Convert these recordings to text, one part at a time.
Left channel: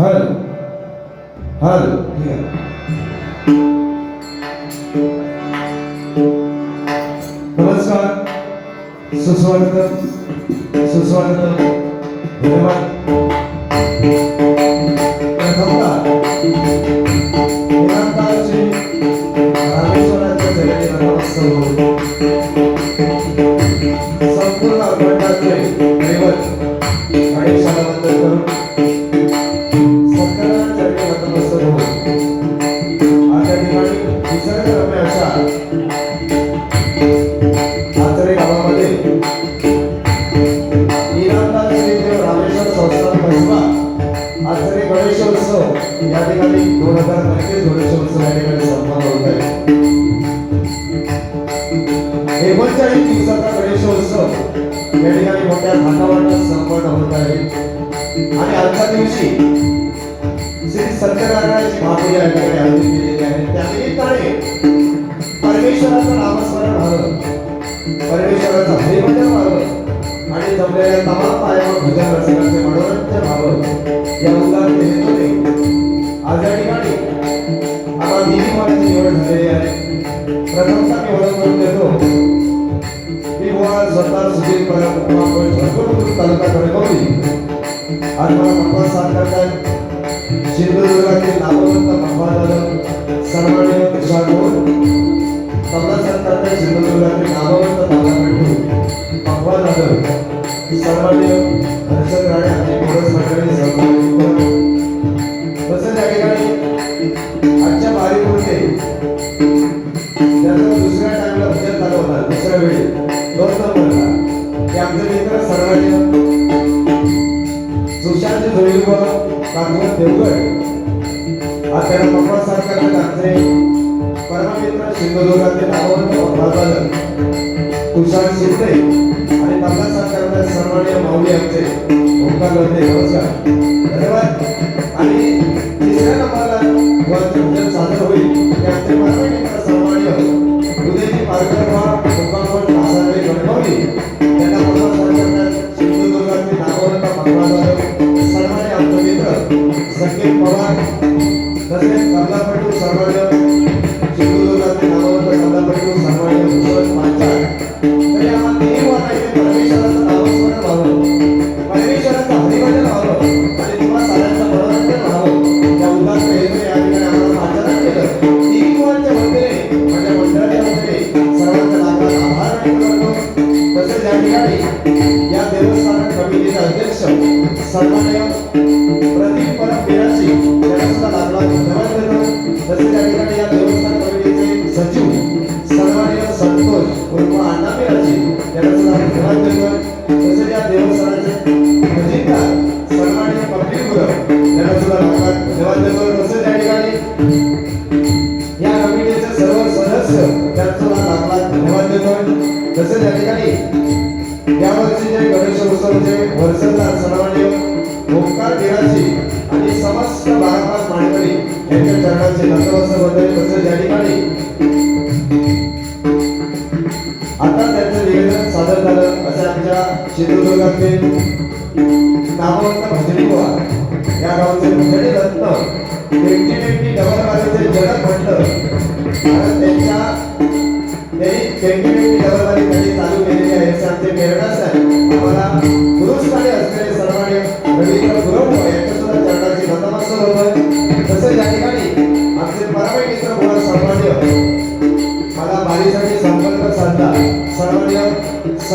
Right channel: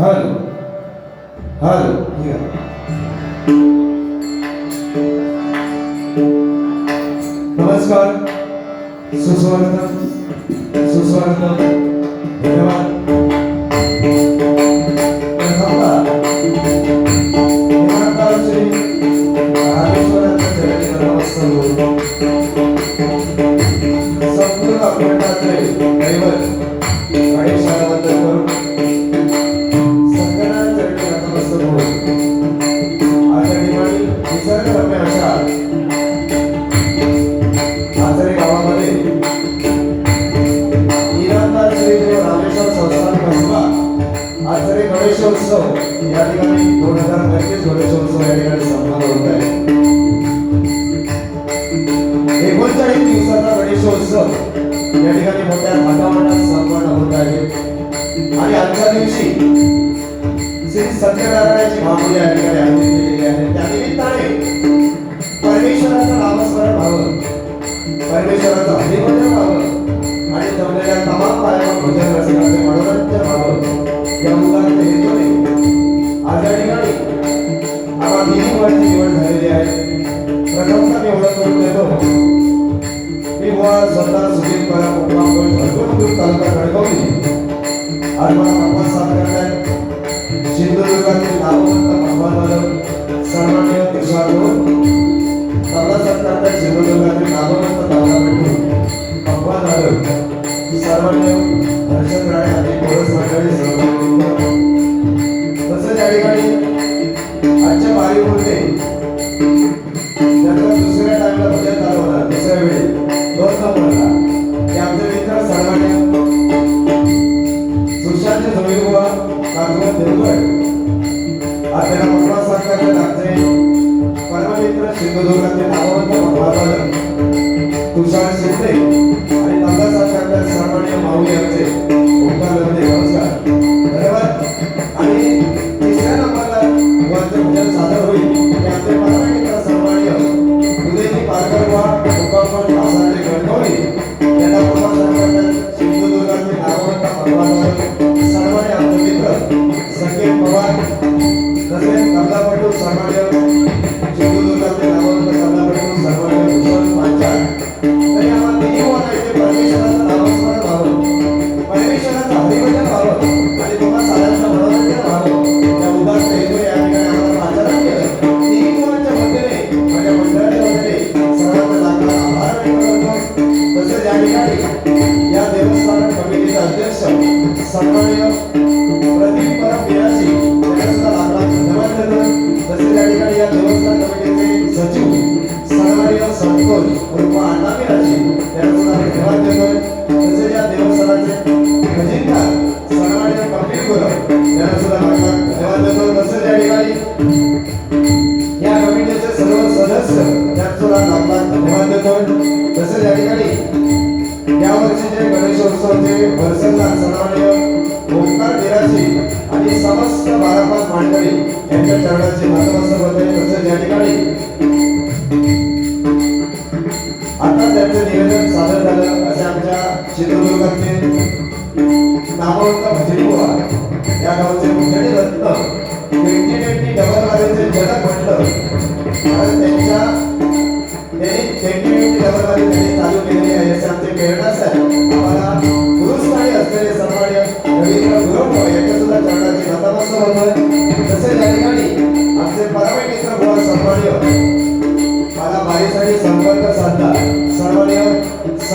Hello. Hello. नमस्कार. सुस्वागतम. सुस्वागतम. धन्यवाद.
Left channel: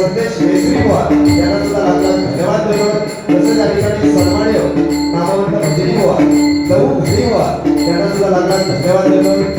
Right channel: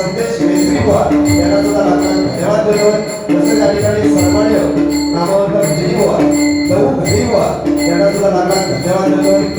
संदेश मिश्रीवार यांना सुद्धा हाताने धन्यवाद. देतो तसंच या ठिकाणी सन्मान्य नामवंत झिरीवार दौ झिरीवार यांना धन्यवाद देतो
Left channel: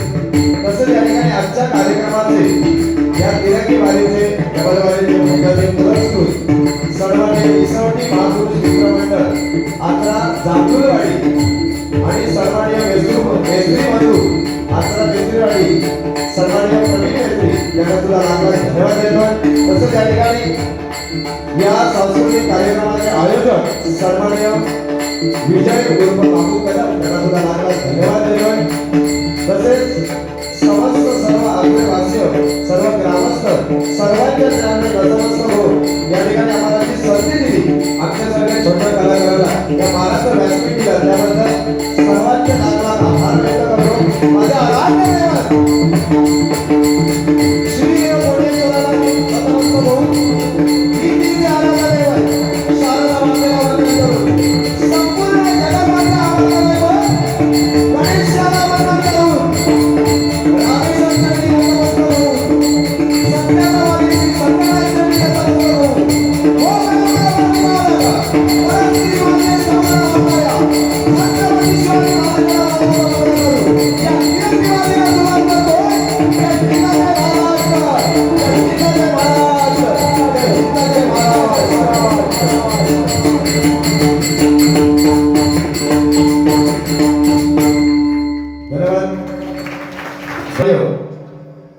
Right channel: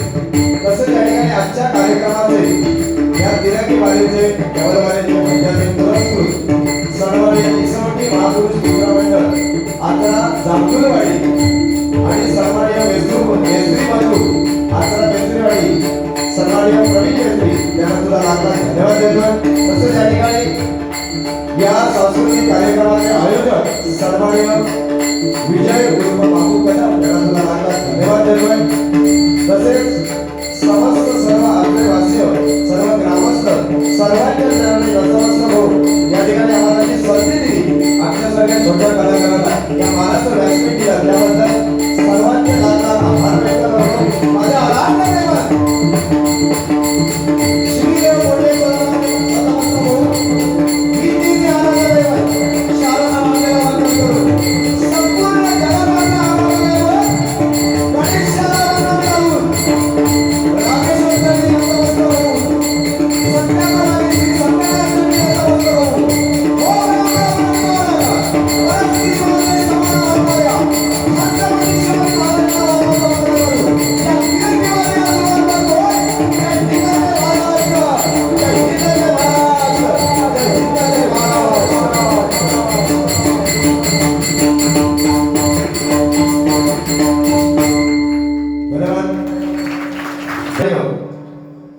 हो.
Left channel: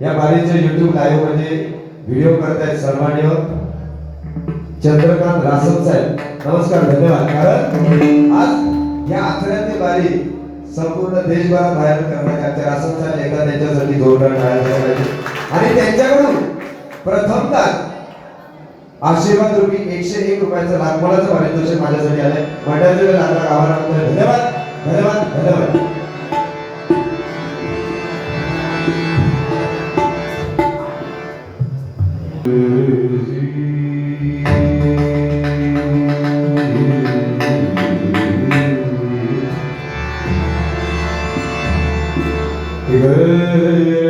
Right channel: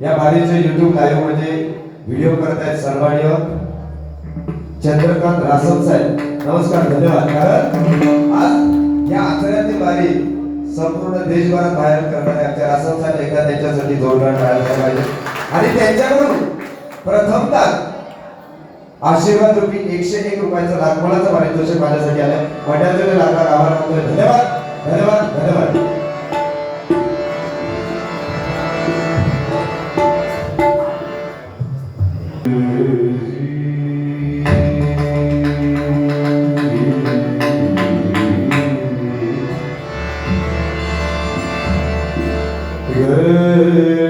या बारीचं युट्यूब लाईव्हमध्ये व्हिडिओ करतायत सन्मान्य चंद्रकांत रासत साहेब. नमस्कार धन्यवाद. कारण आज या आचऱ्यातील बारी संपूर्ण देशभरात बाहेर करणारे आमच्या रासत साहेब एकदा त्यांच्यासाठी जोरदार बाहेर करायचे आणि त्यांच्याकडून प्रथमतः आशीर्वाद रुपी एकशे एक रुपयाचं लाखमोलाचं पारितोषिक माझ्यासाठी आलंय मंडळाचे लाख आभार मात्र धन्यवाद धन्यवाद धन्यवाद Yeah.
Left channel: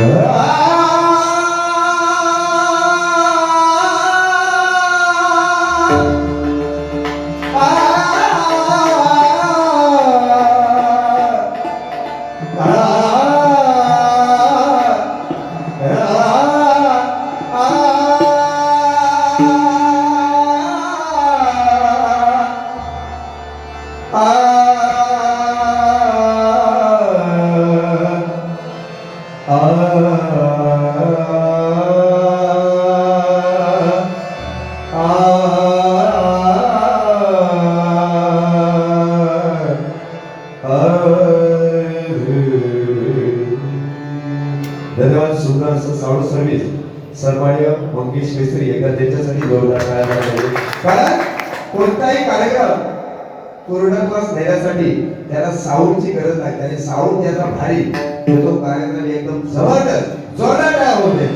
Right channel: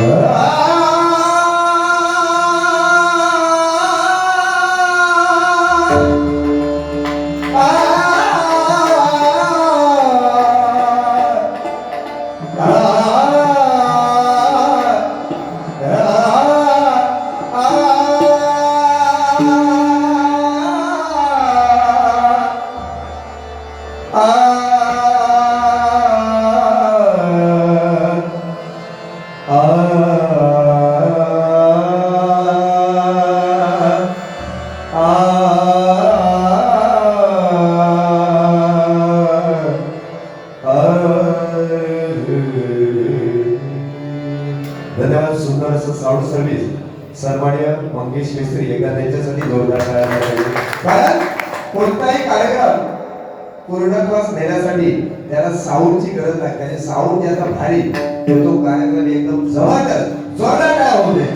धन्यवाद सर्व्हिस सन्मान्य मंगेश मिस्त्री एकदा त्यांच्यासाठी जोरदार टाळ्या वाजवा. कारण कोणताही कार्यक्रम पूर्णत्वास नेण्यासाठी त्याला साऊंडची गरज नाही. त्याने साऊंड त्याचा भारी तो कार्यक्रम एकदम जबरदस्त जोरदार टाळ्या होते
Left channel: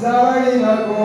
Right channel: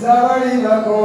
जवळ नको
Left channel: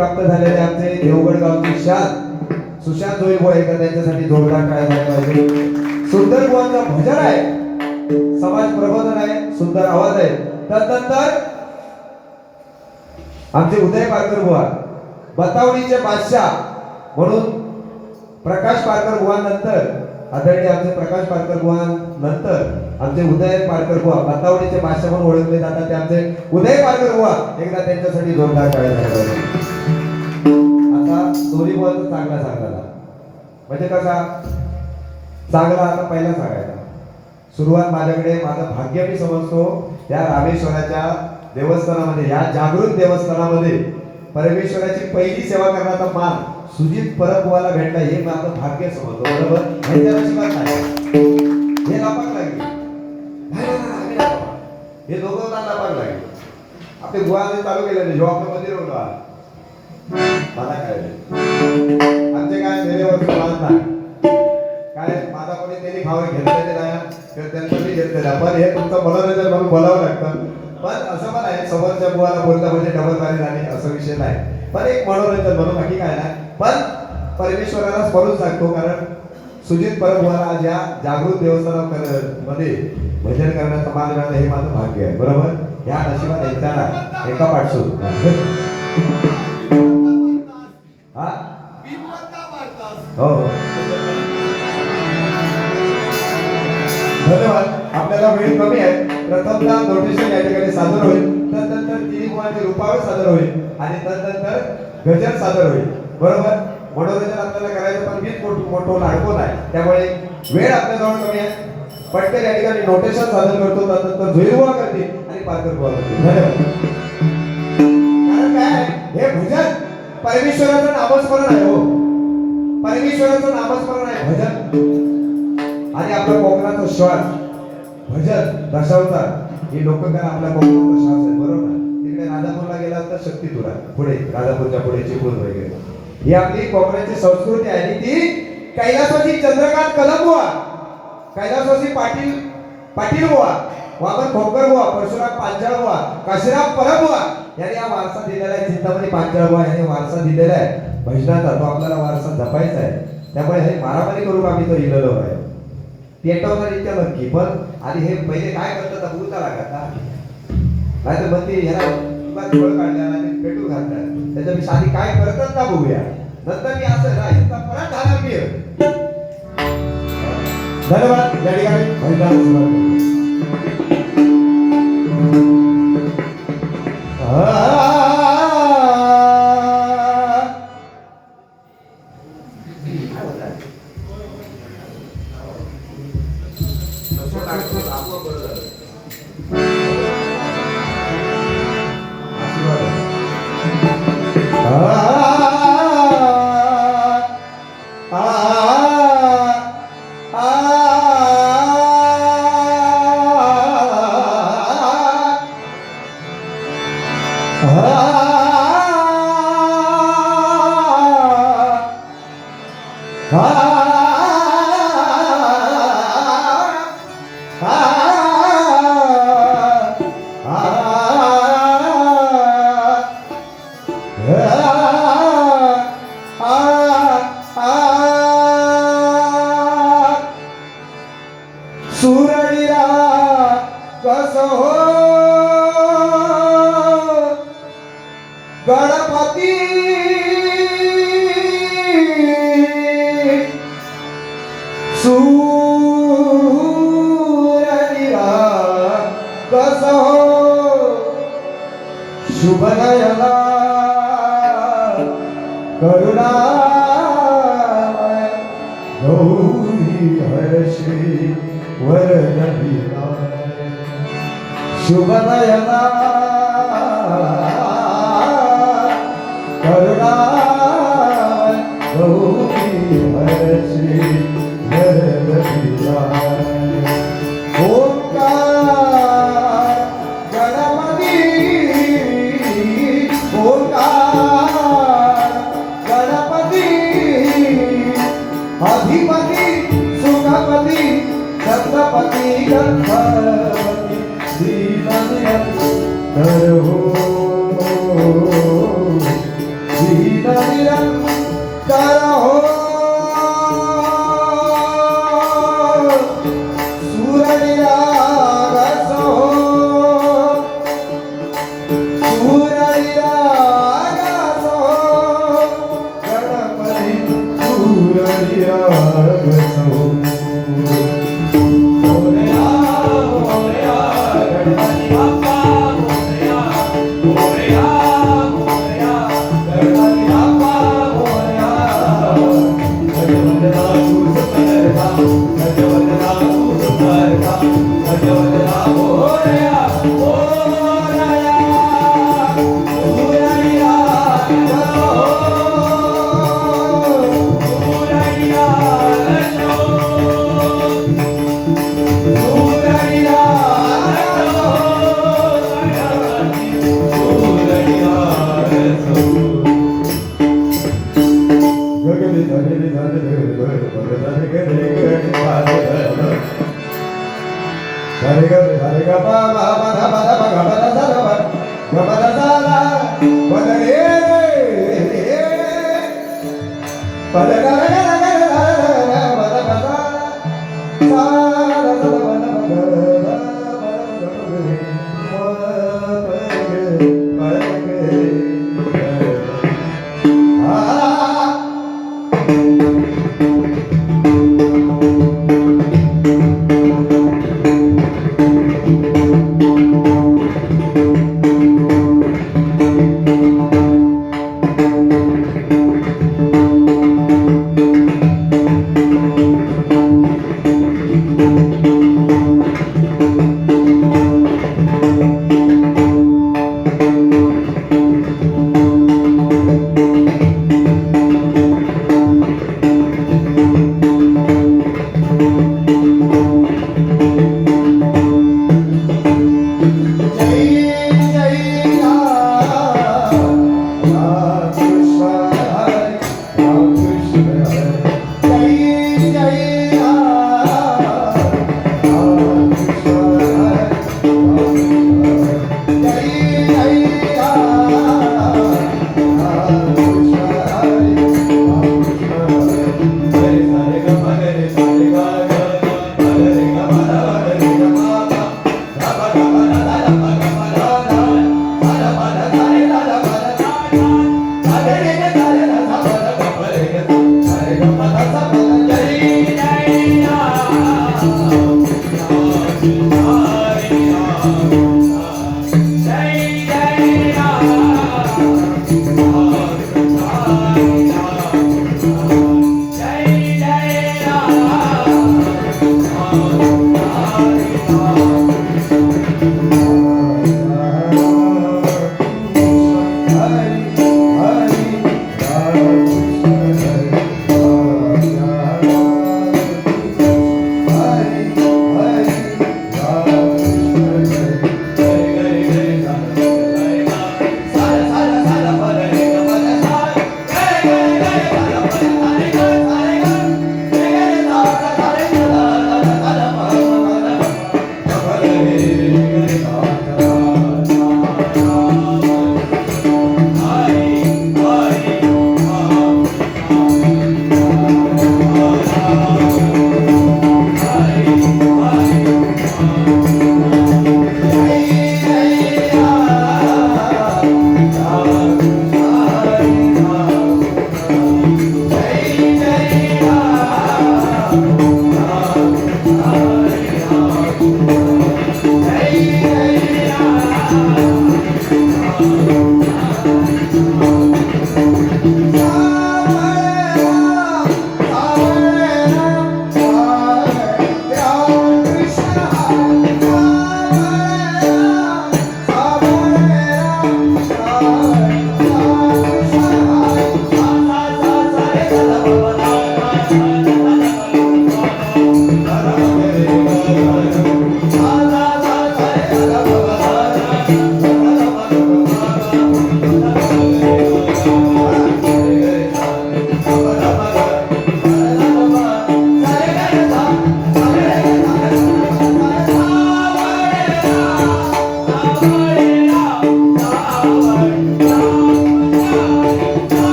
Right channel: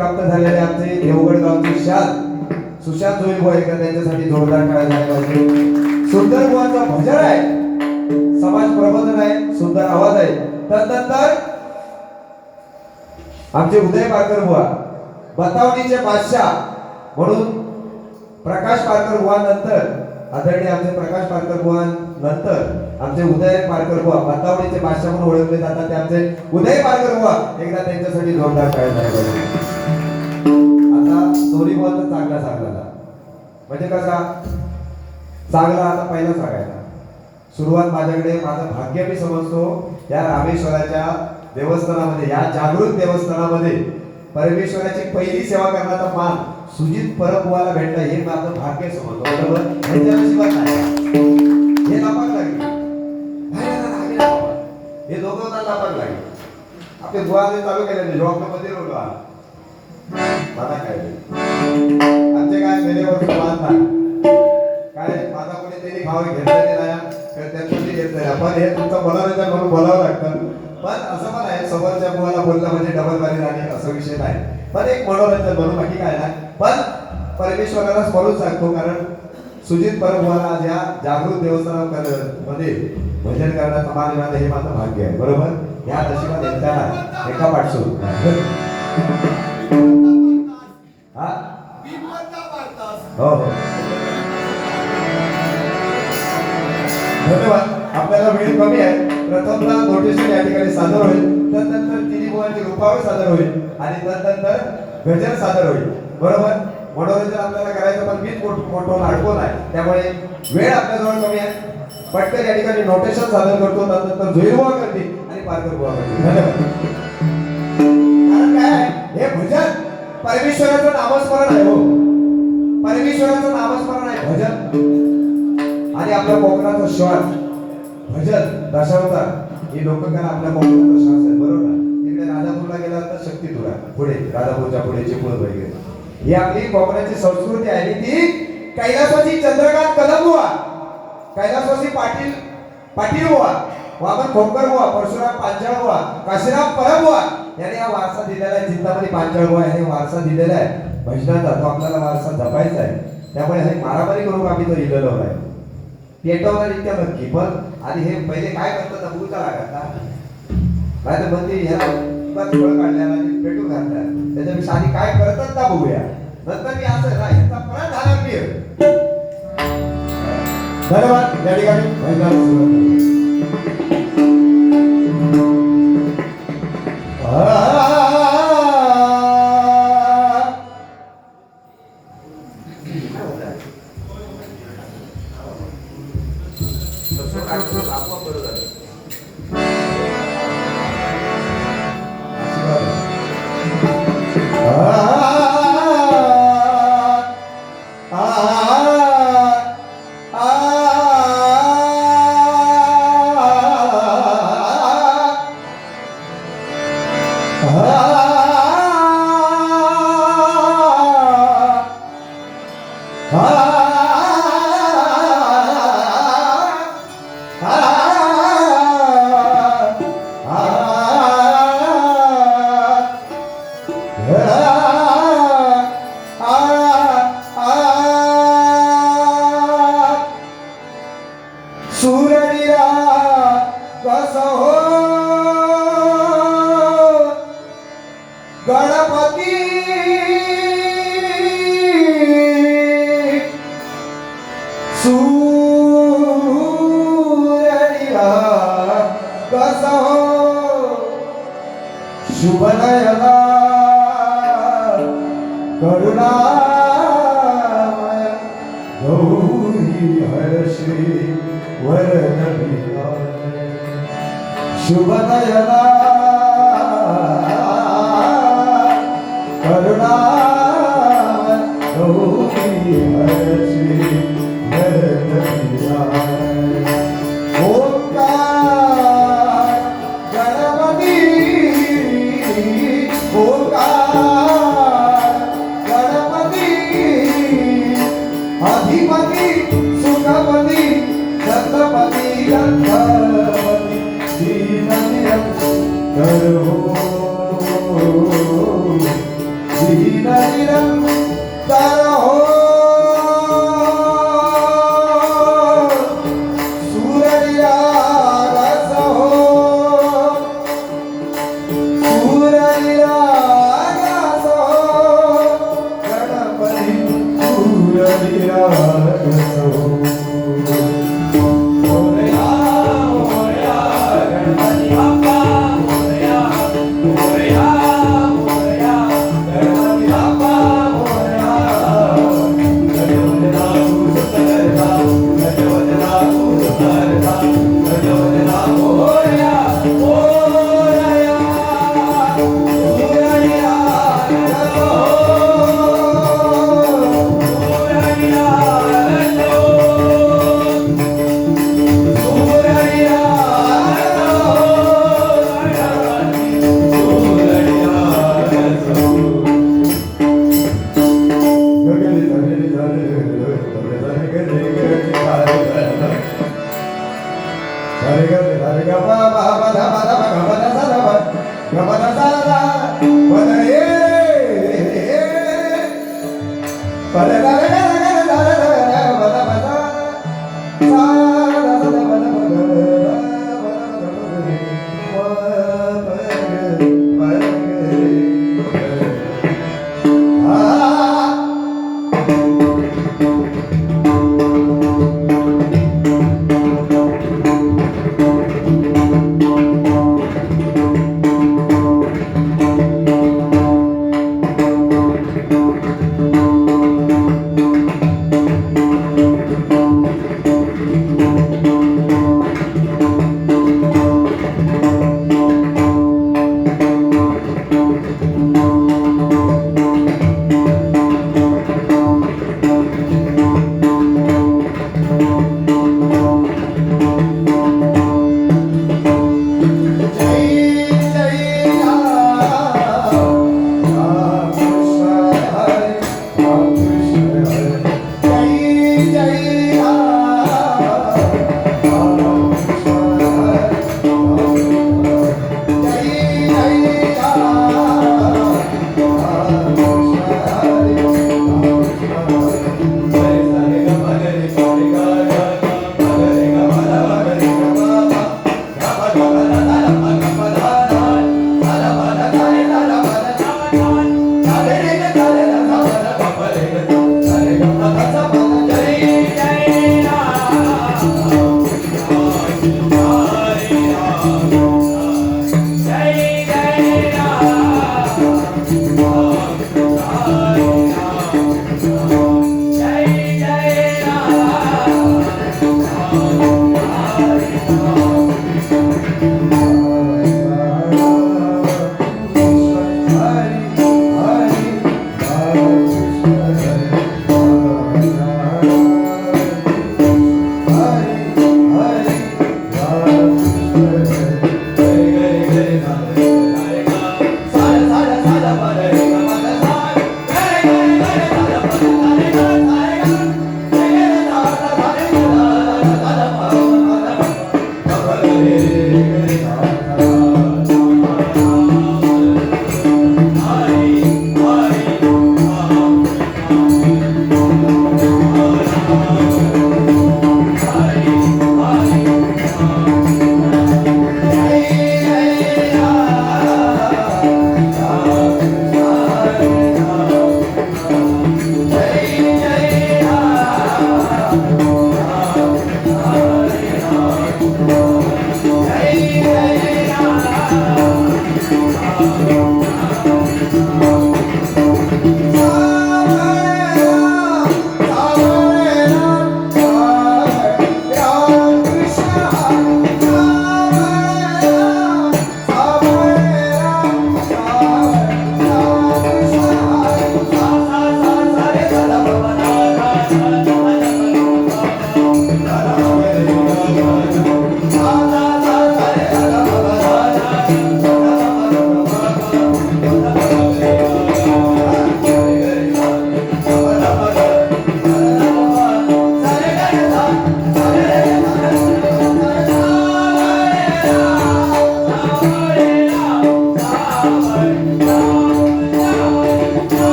प्राप्त झालेले आमचे देवगड गावचे शांत सुशांत होईल गोळेकर त्यांच्यासाठी जोरदार टाळ्या पाहिजे सुंदर बुवांचं भजन आहे. समाज प्रबोधन आहे. सुंदर आवाज आहे. त्यानंतर आमचे उदय पारकर बुवा बतावणीचे बादशाह म्हणून प्रकाश पारकर बुवा नंतर आदरणीय आमचे प्रकाश पारकर बुवा नंतर आमचे उदय पारकर बुवा बतावणीचे बादशाह म्हणून ओळखले जातात ते आमचे उदय पारकर बुवा एकदा त्यांच्यासाठी जोरदार टाळ्या पाहिजे. आता दोन्ही बुवांचा चांगला सांगला म्हणजे कसा? चांगला आता पहिला सांगायचा. सुरुवात माझ्याकडे माझं भाग्य मी समजतो या रामेश्वराच्या देवस्थानामध्ये या जागृत देवस्थानामध्ये. परमेश्वराची पहिली सेवा करण्याचा मान सुजित परबुवाला भेटला हे माझं भाग्य समजतो. बरोबर? नाही. हे लापाक लागली. नाही हे दोघं लापाक लागले. आपले बुवाने चालू केले जो आपलं मला काय नाही. काय गेल्यावर समाज काय माझा कोणी त्यांनी भाव किंवा त्यांचं पण हे तुमचं मनोरंजन म्हणून बोलावं लागतं. पण असं पण आहे समोरच्या मुलाला बोललं म्हणजे डबल मारी आणि असा विषय नाही. पण एक मनोरंजन म्हणून बाकी काय नाही. पण परमेश्वराला स्मरून सांगतो कारण सुजित परब मला या जागृत देवस्थानामध्ये भजन करण्याचं मान हे माझं भाग्य आहे. बरोबर? या नशिबात एकट्याला एका पाठसू हो हो. धन्यवाद. आपल्याला वेळ कमी आहे. प्रथमतः नोटेशन या ठिकाणी सादर होईल. त्यानंतर तिन्ही कुमारची रूपावर सादर होईल. आणि त्यानंतर गजर सादर होईल. बरोबर? मनोरंजन आपल्याला करायचं पण मीच मोठं मोठं लाडको नाही त्यामुळे वेळ आपल्याजवळ कमी आहे. पटकन या ठिकाणी नोटेशन सादर करतो. त्यानंतर झुईरबुवा करते आणि पारकर बुवा करते धन्यवाद. कारण काय हे भुजन परमेश्वराचं नामस्मरण आहे हो. परमेश्वराचं नामस्मरण आहे. भजन. आणि आपल्या कोकणाचा श्वास भजन दशावतार. ही काय आपल्या कोकणाचा श्वास आहे बरोबर. तिकडे राजापूरला गेला तर शक्तीतुरा पुढे राजापूरच्या पुढे चिपळूण वगैरे. ही आपली कोकणाची संस्कृती आहे. आणि ती कैलासवासी चंद्रकांत कदम हुआ. कैलासवासी पाटील पाटील हुआ. वामन खोकर हुआ. परशुराम पांचाळ हुआ. काशीराम परब हुआ. यांनी हा वारसा दिलेला आहे. चिंतामणी पांचाळ हे वारसा दिलेला आहे. भजनाचा तो आपल्याला वारसा जपायचा आहे त्यामुळे हे मारामारी करू आम्ही तो लिहिलेलो आहे. पेटवणार इतक्या नक्की. पण आणि हे पहिले काय करतात भूता लागत ना नाही तर मग ते मुलात काढल्या आणि पेटू घातल्या त्याच्यापेक्षा आधी काय करतात ना बघूया. नंतर मी असं राहील परत झाला मी धन्यवाद या ठिकाणी ગણપતિ